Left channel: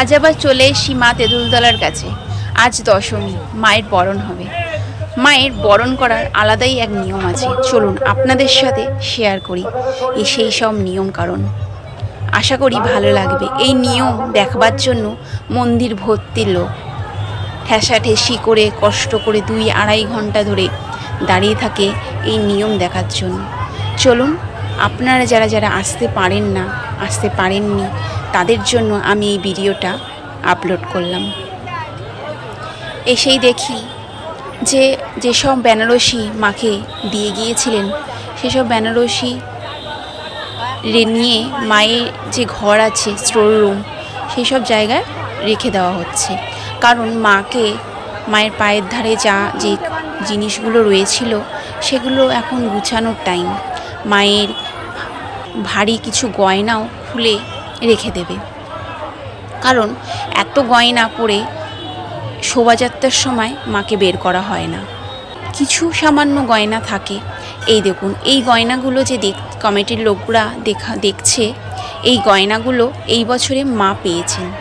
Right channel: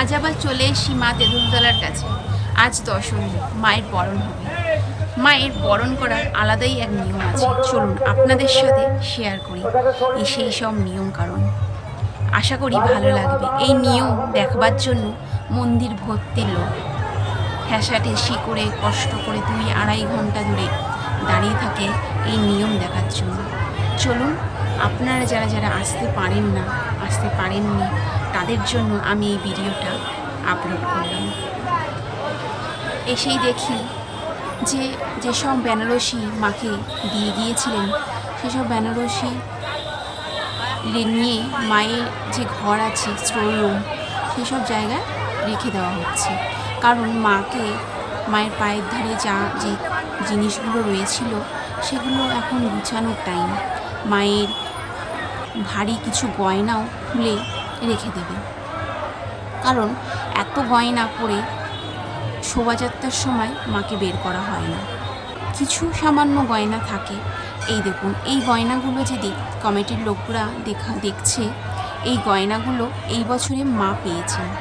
আজ আবার চলে এসি মা তেঁতুলতলার কাছে। আজ দশমী, মায়ের বরণ হবে। মায়ের বরণ করার আলাদাই এক নিয়ম আছে। চলুন আপনাদের সাথে শেয়ার করি এই সেই সব নিয়ম কারণ। আশা করি ভালো লাগবে। এই নিয়ম দেখবার জন্য মন্দির ভর্তি লোক। ঠেসাঠেসি করে, কষ্ট করে দুই আড়াই ঘণ্টা ধরে দাঁড়িয়ে থাকে এই নিয়ম দেখার জন্য। চলুন আপনারা যারা যারা আসতে পারেন না, আসতে পারেননি, তাদের জন্য আমি এই ভিডিওটা আপলোড করলাম। এসেই দেখি যে যেসব বেনারসি মাকে দিয়ে গিয়েছিলেন সেসব বেনারসি নিয়ে মায়ের যে ঘর আছে, স্টোর রুম সেই সব জায়গায় রেখে দেওয়া হচ্ছে। কারণ মাকে মায়ের পায়ের ধারে যা, যে জিনিসগুলো রয়েছিল, সেগুলো এখন গুছানোর টাইম মায়ের ভারী কিছু গয়নাও খুলে রেখে দেবে। কারণ এত গয়না পরে শোভাযাত্রার সময় মাকে বের করা হয় না। কিছু সামান্য গয়না থাকে। এই দেখুন, এই গয়নাগুলো যে দেখ, কমিটির লোকরা দেখা, দেখছে, এই গয়নাগুলো এই বছরে মা পেয়েছেন।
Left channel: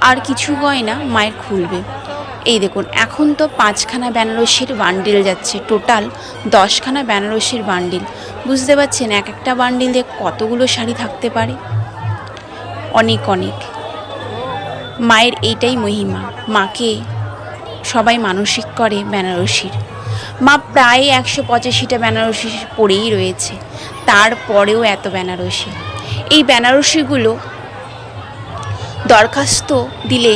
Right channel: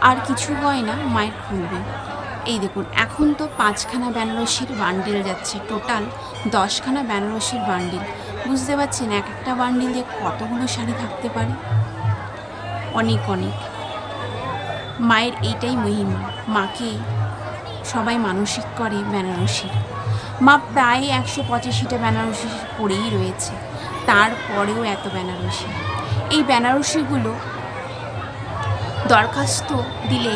আর কিছু গয়না মায়ের খুলবে। এই দেখুন, এখন তো পাঁচখানা বেনারসির বান্ডিল যাচ্ছে। টোটাল দশখানা বেনারসির বান্ডিল বুঝতে পারছেন, এক একটা বান্ডিলে কতগুলো শাড়ি থাকতে পারে? অনেক অনেক। মায়ের এইটাই মহিমা। মাকে সবাই মানসিক করে বেনারসির। মা প্রায় একশো পঁচাশিটা বেনারসি পরেই রয়েছে। তারপরেও এত বেনারসি। এই বেনারসিগুলো দরখাস্ত দিলে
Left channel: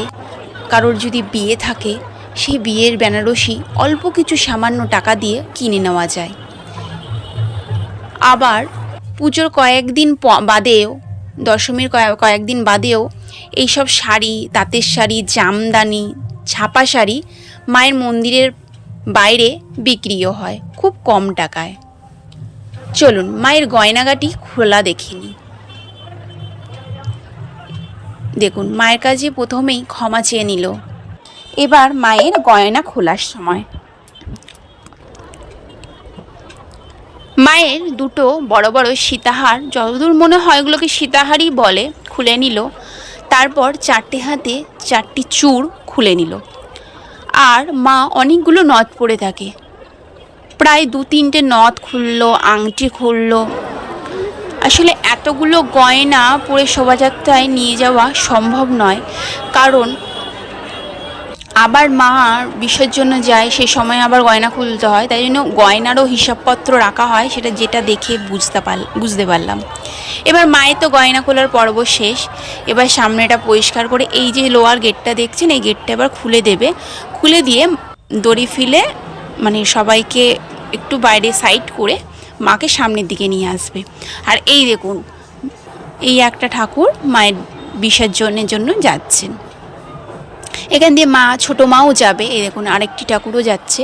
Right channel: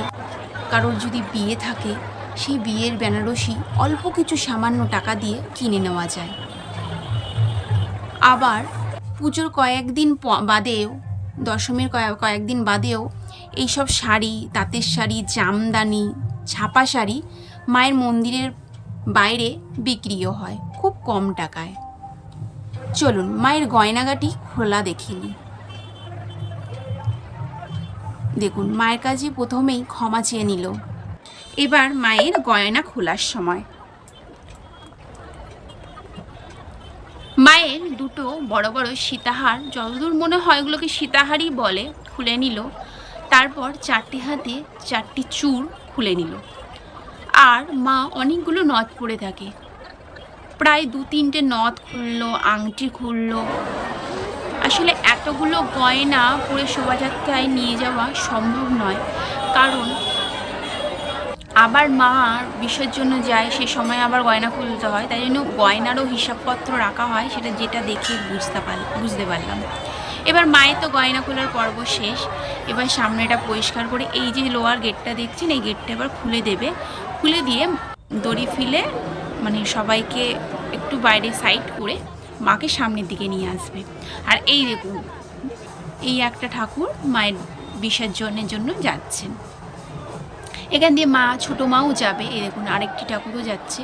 কারোর যদি বিয়ে থাকে, সেই বিয়ের বেনারসি অল্প কিছু সামান্য টাকা দিয়ে কিনে নেওয়া যায়। আবার পুজোর কয়েকদিন বাদেও, দশমীর কয়েক কয়েকদিন বাদেও এইসব শাড়ি, তাঁতের শাড়ি, জামদানি, ছাপা শাড়ি মায়ের মন্দিরের বাইরে বিক্রিও হয়, খুব কম টাকায়। চলুন, মায়ের গয়নাগাটি খোলা দেখিনি দেখুন, মায়ের কাছে প্রথমেই ক্ষমা চেয়ে নিল। এবার মায়ের গয়না খোলার সময়। মায়ের দুটো বড় বড় সীতাহার, যতদূর মনে হয় এগুলোকে সীতাহারই বলে, খুলে নিল। তারপর চারটে হাতে চারটি চূড় খুলে নিল। আর মা অনেকগুলো নথ পড়ে থাকে। প্রায় দু তিনটে নথ খুললো, আংটি খুললো। আসলে এতগুলো গয়না পরে শোভাযাত্রায় নিয়ে যাওয়া সম্ভব নয়, কারণ আবার মা বিসর্জন্য যায়, সে সময় আবার গয়না খুলতে হয়। তাই জন্য গয়নারও হিসাবপত্র রাখা হয়, সেটা যেটা দেখে বুঝতে পার, বুঝতে পারলাম। এবার মায়ের তো গয়না খোলার পর্ব শেষ। এবার সামনেটা পরিষ্কার করে এই যে লোয়ার গেটটা দেখছেন, এই গেটটা এবার খুলে দেবে। খুলে দিয়ে দড়ি ফিলে মানে সবাইকে একটু বাইরে সাইড করে মাকে সামনের দিকে নিয়ে আসবে। আর এই দেখুন, এই একটা ঠাকুর মায়ের বিসর্জনের জন্য যাচ্ছেন। এখান দিয়ে মা, ছোটো মাও যাবে। এই দেখুন, আরেকটি ঠাকুরও যাচ্ছে।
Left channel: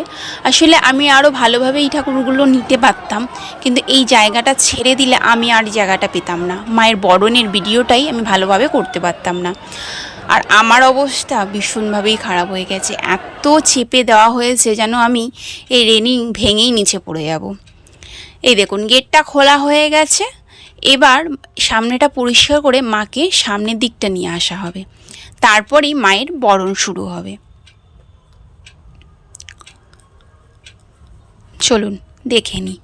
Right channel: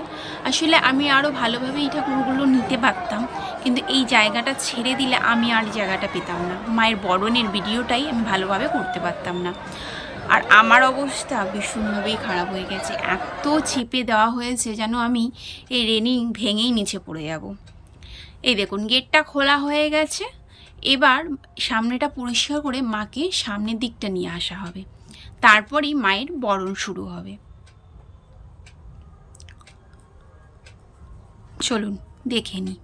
আসলে আমি আরও ভালোভাবে এই ঠাকুরগুলো নিতে পারতাম, কিন্তু এই জায়গাটা ছেড়ে দিলে আমি আর জায়গাটা পেতাম না। মায়ের বরণের ভিডিওটাই আমি ভালোভাবে করতে পারতাম না। আর আমার অবস্থা ভীষণভাবেই খারাপ হয়ে গেছে। এত চেপে দেওয়া হয়েছে যেন আমি এই রেলিং ভেঙেই নিচে পড়ে যাব। এই দেখুন, গেটটা খোলা হয়ে গেছে। এবার সামনেটা পরিষ্কার করে মাকে সামনের দিকটা নিয়ে আসা হবে। তারপরই মায়ের বরণ শুরু হবে। চলুন, দেখে নিই।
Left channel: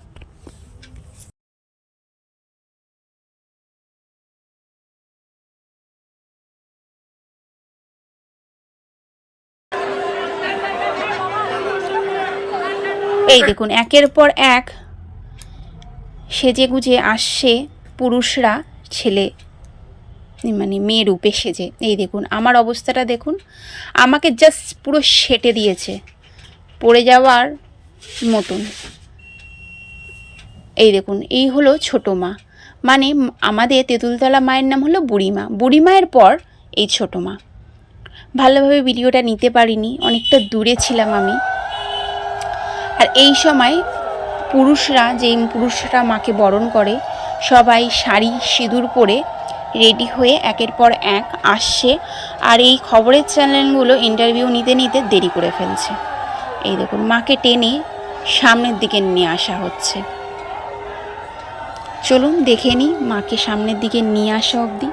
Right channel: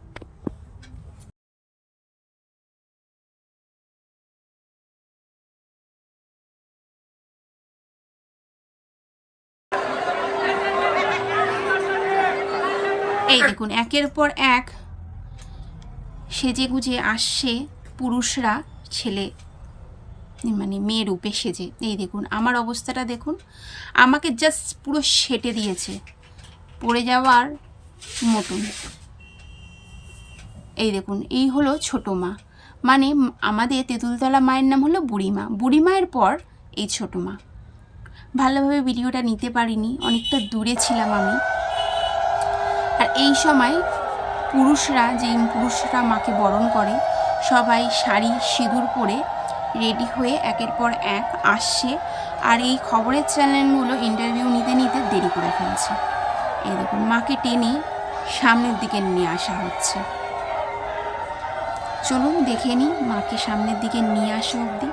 এই দেখুন, একের পর এক সেজে গুজে আসছে পুরুষরা, ছেলে মানে মেয়ে রূপে সেজে এই দেখুন, আমার অবস্থাটা দেখুন, আমাকে জাস্ট পুরো সেটে দিয়েছে, পড়ে যাওয়ার মতন। এই দেখুন, এই হলো ছোটো মা। মানে আমাদের তেঁতুলতলা মায়ের নাম হলো বুড়িমা। বুড়িমায়ের পর এই ছোটো মা। ভালোভাবে ভিডিওটা নিতে পারিনি, অনেকটা দূরে ছিলাম আমি। আর এই সময় পুরুষরা, যেই পুরুষরা মাকে বরণ করে, সবাই শাড়ি, সিঁদুর পরে রেডি হয়ে একের পর এক আসছে আর এই খবরের চ্যানেলগুলো ইন্টারভিউ নিতে নিতে দেরি করে ফেলছে। এই দেখুন, মাকে টেনে সামনের দিকে নিয়ে আসা হচ্ছে। চলুন দেখে নিই মাকে সামনের দিকে নিয়ে আসা অবধি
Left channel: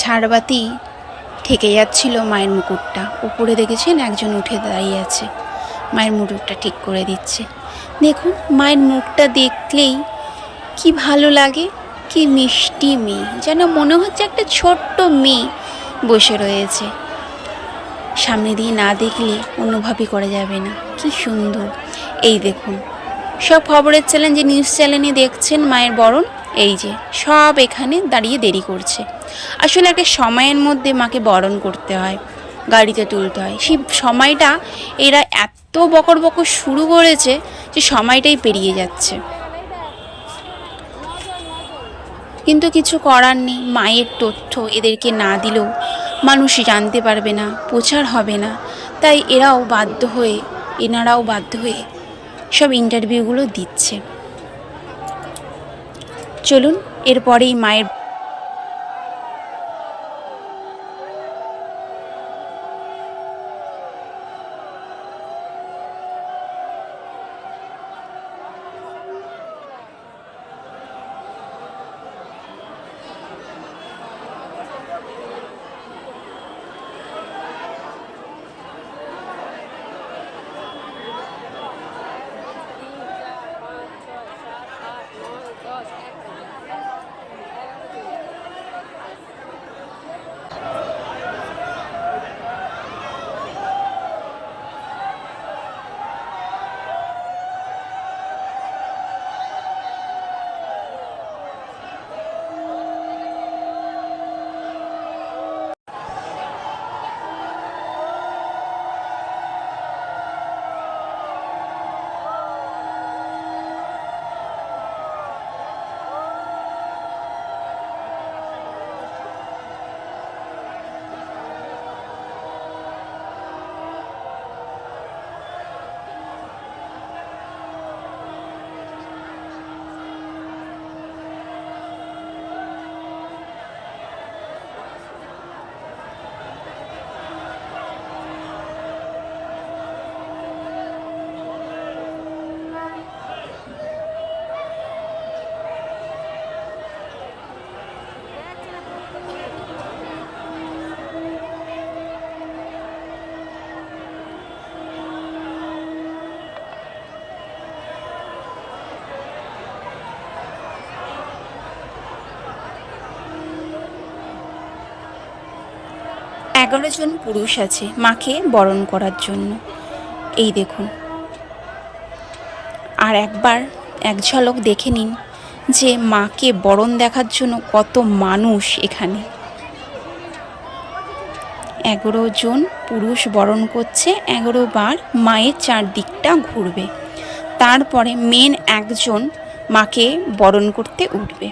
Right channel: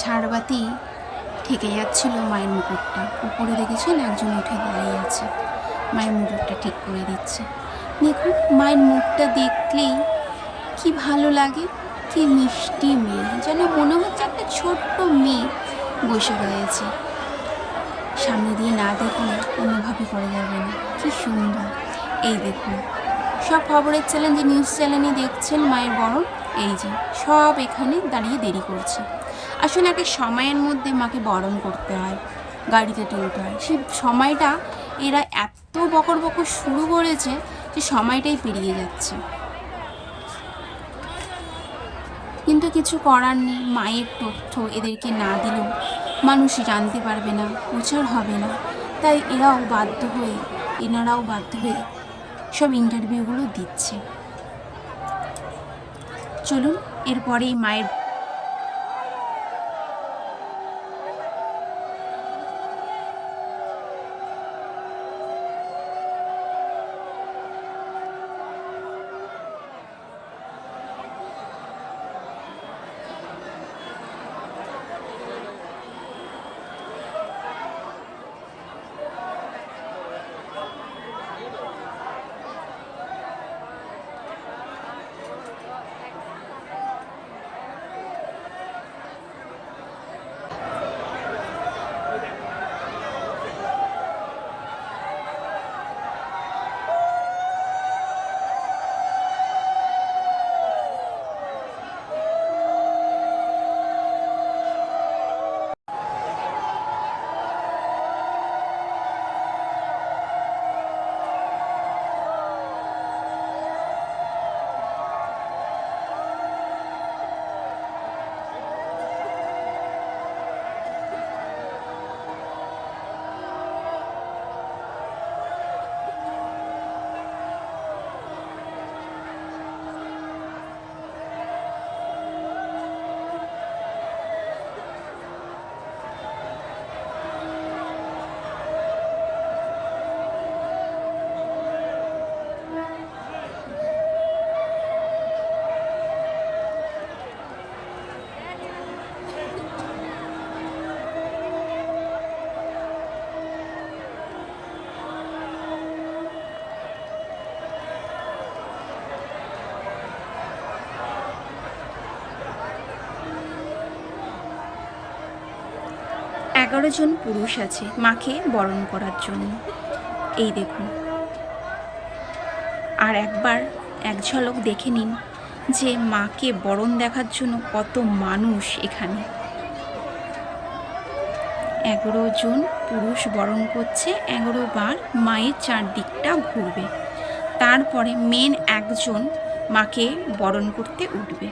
ঝাড়বাতি ঠেকে যাচ্ছিল মায়ের মুকুটটা। উপরে দেখেছেন একজন উঠে দাঁড়িয়ে আছে। মায়ের মুকুটটা ঠিক করে দিচ্ছে। দেখুন, মায়ের মুখটা দেখলেই কি ভালো লাগে, কি মিষ্টি মেয়ে। যেন মনে হচ্ছে একটা ছোট্ট মেয়ে বসে রয়েছে। সামনে দিয়ে না দেখলে অনুভবই করা যাবে না। কি সুন্দর। এই দেখুন, সব খবরের চ্যানেল যে নিউজ চ্যানেলে দেখছেন মায়ের বরণ, এই যে সব এখানে দাঁড়িয়ে দেরি করছে। আসলে একটা সময়ের মধ্যে মাকে বরণ করতে হয়, গাড়িতে তুলতে হয়। সেই সময়টা এরা এত বকর বকর শুরু করেছে যে সময়টাই পেরিয়ে যাচ্ছে। কিন্তু কিছু করার নেই, মায়ের তথ্য এদেরকে না দিলেও মানুষ জানতে পারবে না, প্রচার হবে না। তাই এরাও বাধ্য হয়ে, এনারাও বাধ্য হয়ে সব ইন্টারভিউগুলো দিচ্ছে। চলুন, এরপরেই মায়ের এগারো জন পুরুষ আছে মাকে বরণ করার জন্য। এই দেখুন। আর একবার এক ঝলক দেখে নিন যে মাকে বরণ দেখার জন্য কত মানুষ এখানে। এগারো জন পুরুষ বরণ করছে, এগারো বার মায়ের চারদিকটা ঘুরবে। তারপরে মেন একজন মাকে বরণ করতে উঠবে।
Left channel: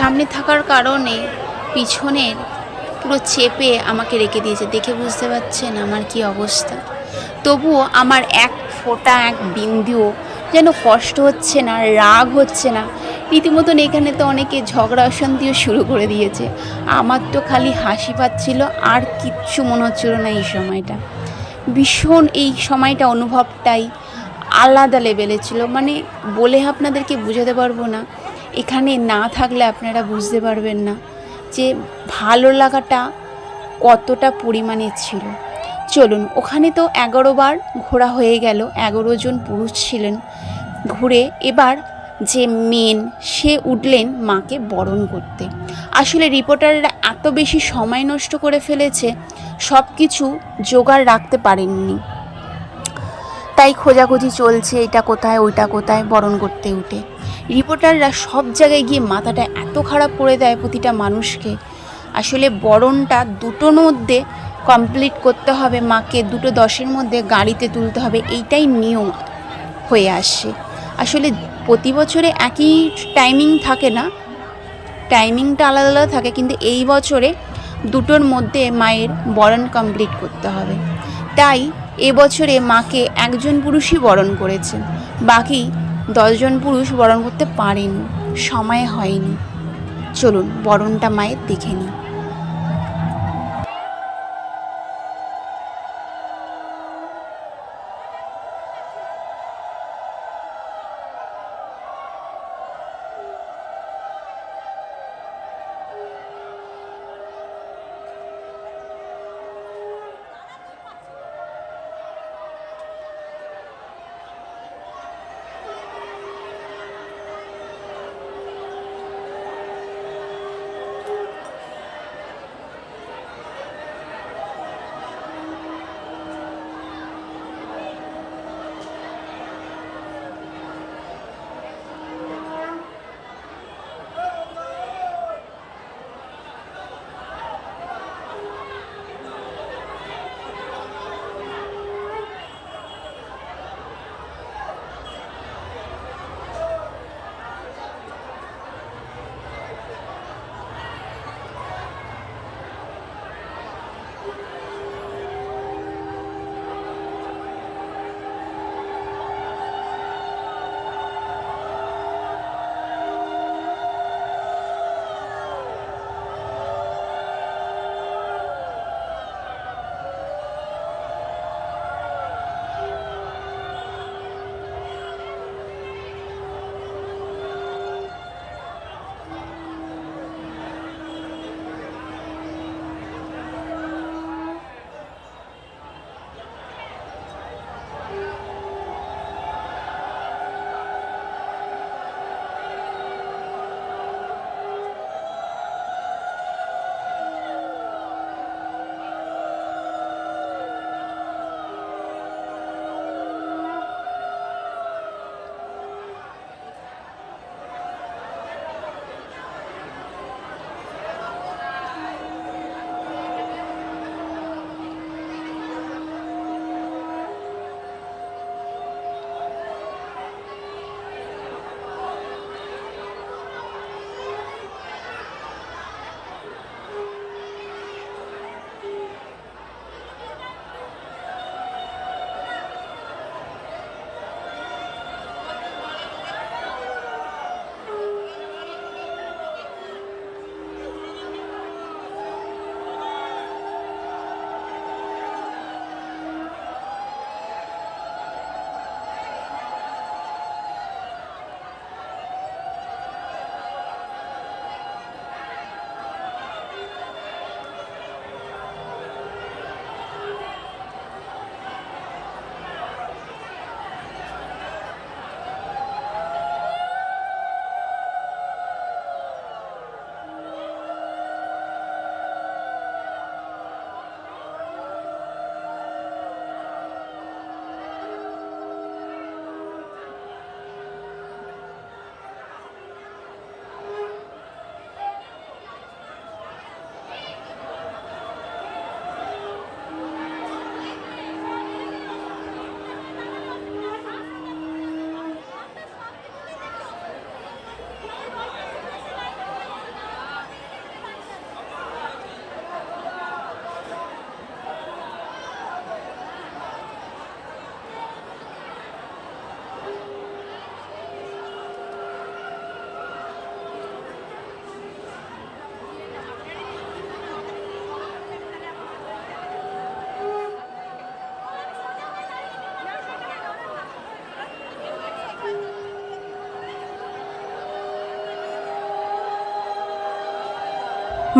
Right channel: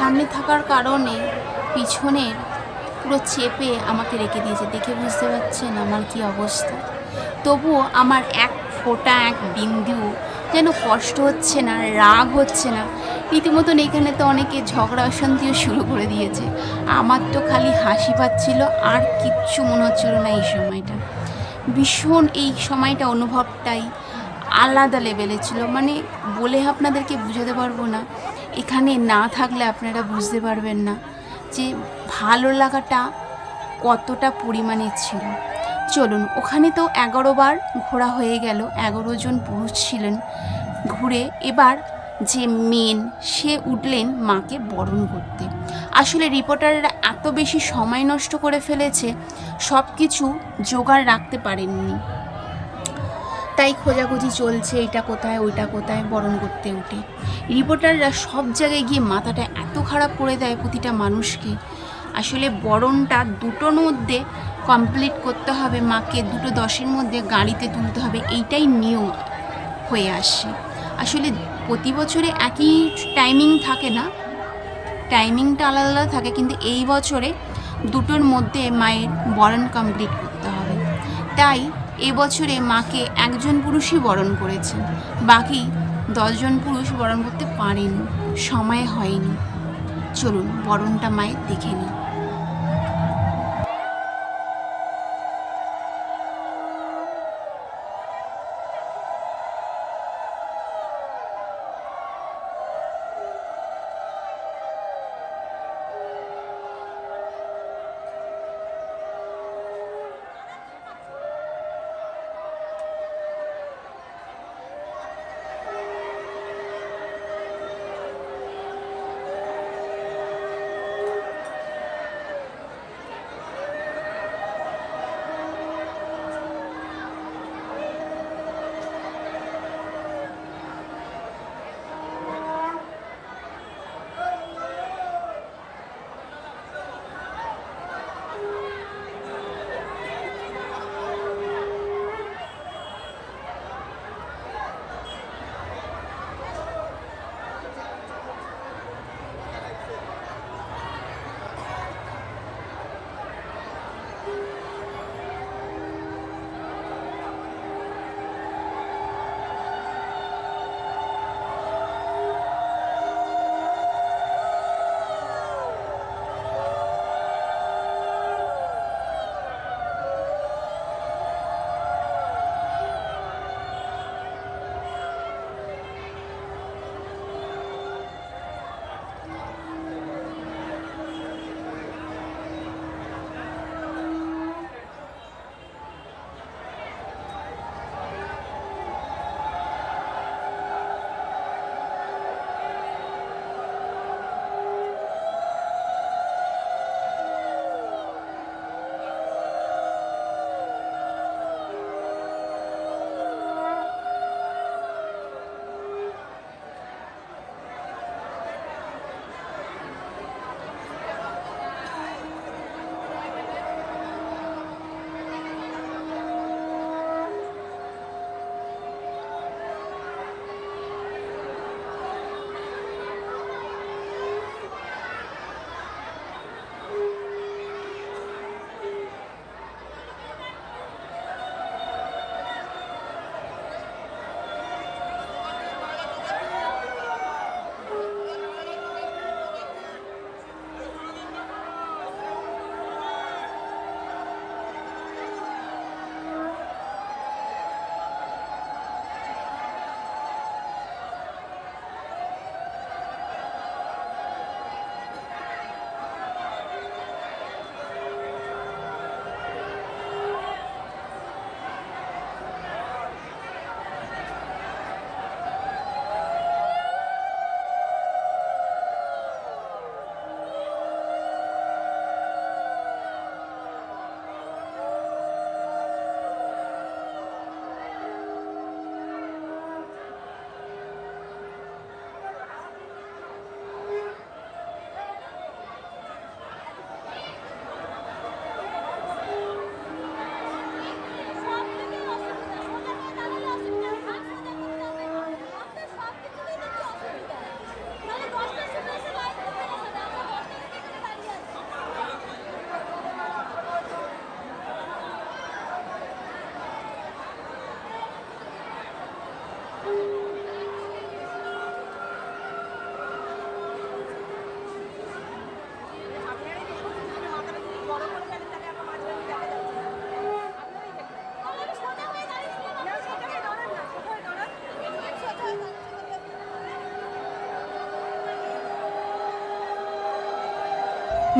সামনে থাকার কারণে পিছনের পুরো চেপে আমাকে রেখে দিয়েছে। দেখে বুঝতে পারছেন আমার কি অবস্থা। তবুও আমার এক ফোঁটা, এক বিন্দুও যেন কষ্ট হচ্ছে না, রাগ হচ্ছে না। রীতিমতন এখানে তো অনেকে ঝগড়া অশান্তিও শুরু করে দিয়েছে। আমার তো খালি হাসি পাচ্ছিল, আর কিচ্ছু মনে হচ্ছিল না এই সময়টা। ভীষণ এই সময়টা অনুভবটাই আলাদা লেভেলে ছিল। মানে বলে আপনাদেরকে বোঝাতে পারব না। এখানে না থাকলে আপনারা বুঝতে পারবেন না যে ভালো লাগাটা কতটা পরিমাণে ছিল। চলুন, ওখানে তো এগারো বার ঘোরা হয়ে গেল, এগারো জন পুরুষ ছিলেন। ঘুরে এবার যে মেন, সে উঠলেন মাকে বরণ করতে। আসলে রিপোর্টাররা এত বেশি সময় নষ্ট করে ফেলেছে সব কিছু জোগাড় রাখতে পারেননি। তাই খোঁজাখুঁজি চলছে, এটা কোথায়, ওইটা কোথায়, বরণ করতে উঠে। রিপোর্টাররা সব জায়গায় গিয়ে মাথাটা এত খারাপ করে দেয় প্রতিটা মানুষকে। আসলে বরণটা দুটোর মধ্যে কমপ্লিট করতে হবে, মাকে দুটো দশের মধ্যে গাড়িতে তুলতে হবে, এইটাই নিয়ম হয়ে আসছে। আসলে প্রতি বছরে একই টাইমিং থাকে না টাইমিংটা আলাদা আলাদা থাকে, কিন্তু এই বছরে দুটোর মধ্যে মায়ের বরণ কমপ্লিট করতে হবে। তাই এবছরে মাকে একজন পুরুষই বরণ করেছে বাকি দশজন পুরুষ বরণ করতে পারেনি, সময় হয়নি। চলুন বরণটা মায়ের দেখে নিই।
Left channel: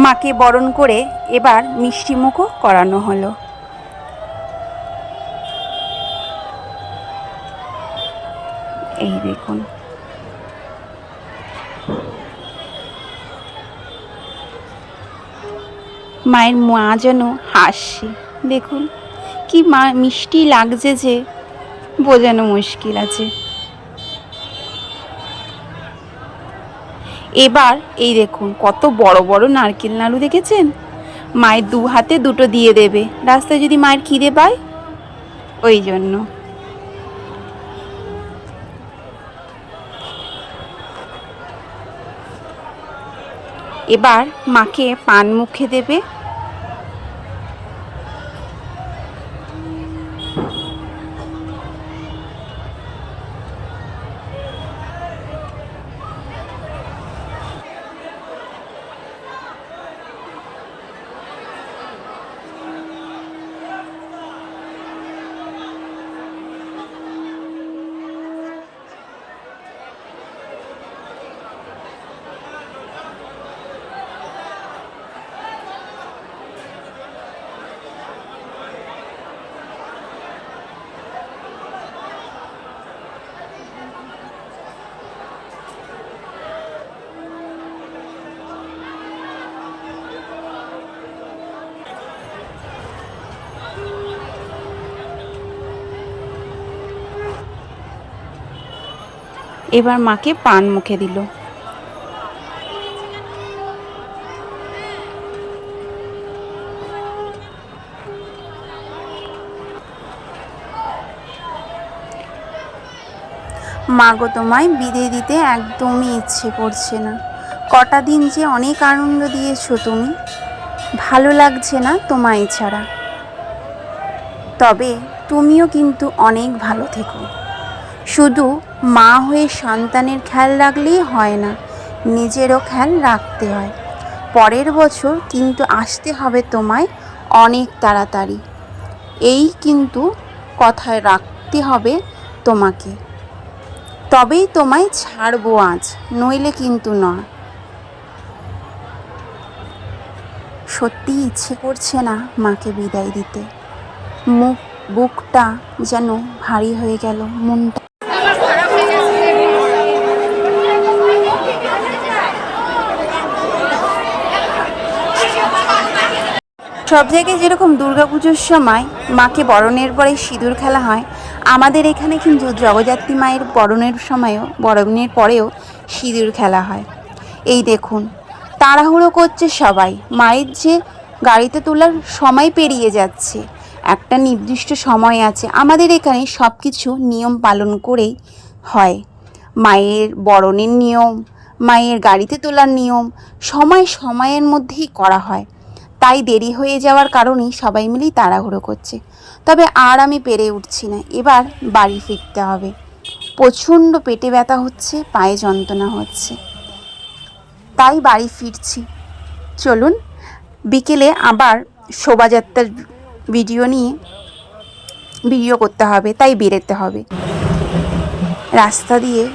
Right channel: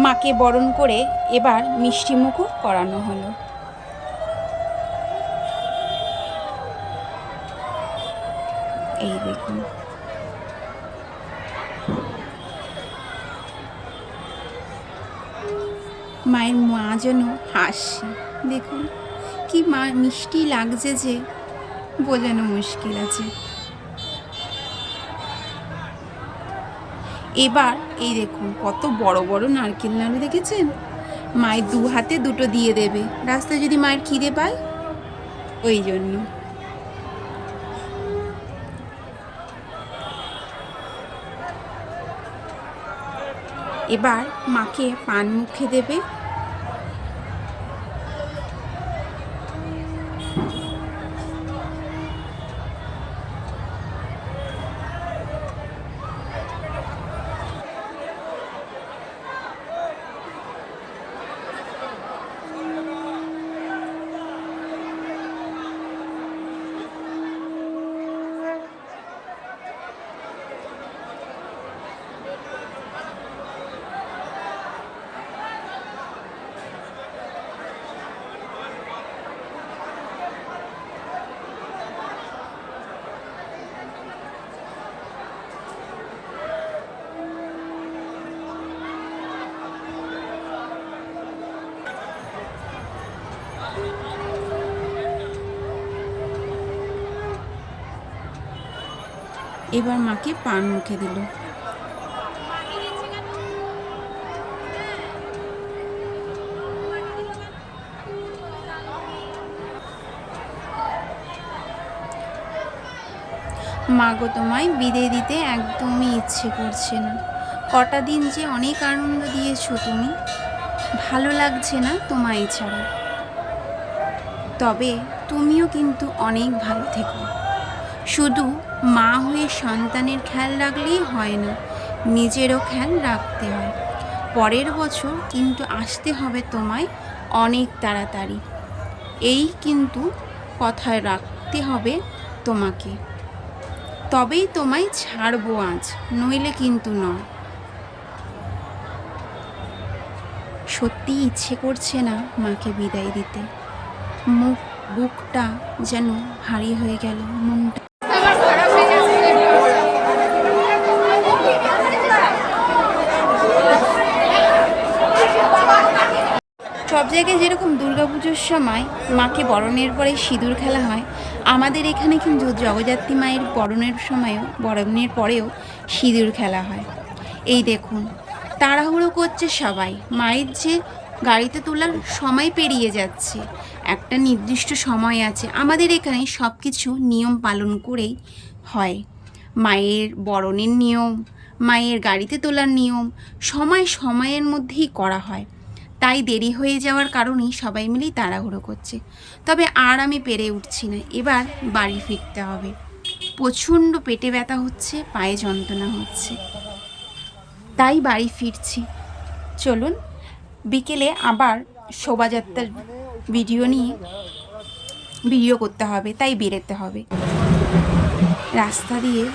মাকে বরণ করে এবার মিষ্টি মুখও করানো হলো। এই দেখুন। মায়ের মা যেন হাসছে দেখুন, কি মা মিষ্টি লাগছে যে, বোঝানো মুশকিল আছে। এবার এই দেখুন, কত বড় বড় নারকেল নাড়ু দেখেছেন? মায়ের দু হাতে দুটো দিয়ে দেবে। রাস্তায় যদি মায়ের খিদে পায়, ওই জন্য। এবার মাকে পান মুখে দেবে। এবার মাকে পান মুখে দিল। মা গো তোমায় বিদায় দিতে একদমই ইচ্ছে করছে না। কটা দিন যে অনেক আনন্দ দিয়েছ তুমি। ভালো লাগছে না তোমায় ছাড়া। তবে তুমিও কিন্তু অনেক ভালো থেকো। শুধু মা হয়ে সন্তানের খেয়াল রাখলেই হয় না, নিজেরও খেয়াল রাখতে হয়। পরের বছর কিন্তু আসতে হবে তোমায় অনেক তাড়াতাড়ি। এই কিন্তু কথায় রাখতে হবে তোমাকে। তবেই তোমায় ছাড়বো আজ, নইলে কিন্তু নয় সত্যি ইচ্ছে করছে না মাকে বিদায় দিতে। মুখ, বুকটা যেন ভারী হয়ে গেল, মনটা আমার খারাপ হয়ে গেছে সব জায়গায় যেরকম দুর্গাপুজোর সময় মাকে বরণের পরে সিঁদুর খেলা হয়, আমাদের এখানে কিন্তু জগদ্ধাত্রী মায়ের বরণের সময়ও, বরণের পরেও সিঁদুর খেলা হয়। এই দেখুন, তাড়াহুড়ো করছে সবাই। মায়ের যে গাড়িতে তোলার সময় পেরিয়ে যাচ্ছে, একটা নির্দিষ্ট সময় আছে। আমাদের এখানে সব কিছু নিয়ম পালন করেই হয়। মায়ের বরণের নিয়ম, মায়ের গাড়িতে তোলার নিয়ম, সময় সময়ের মধ্যেই করা হয়। তাই দেরি হয়ে যাওয়ার কারণেই সবাই মিলেই তাড়াহুড়ো করছে। তবে আর আমি পেরে উঠছি না। এবার বাড়ি ফিরতে হবে। প্রচণ্ড পেটে ব্যথা হচ্ছে, পায়ে যন্ত্রণা হচ্ছে। তাই বাড়ি ফিরছি। চলুন, বিকেলে আবার শোভাযাত্রার ভিডিও নিয়ে ভিডিও করতে হবে, তাই বেরোতে হবে। রাস্তা দিয়ে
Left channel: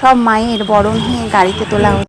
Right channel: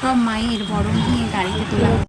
সব মায়ের বরণ হয়ে গাড়িতে তোলা হচ্ছে।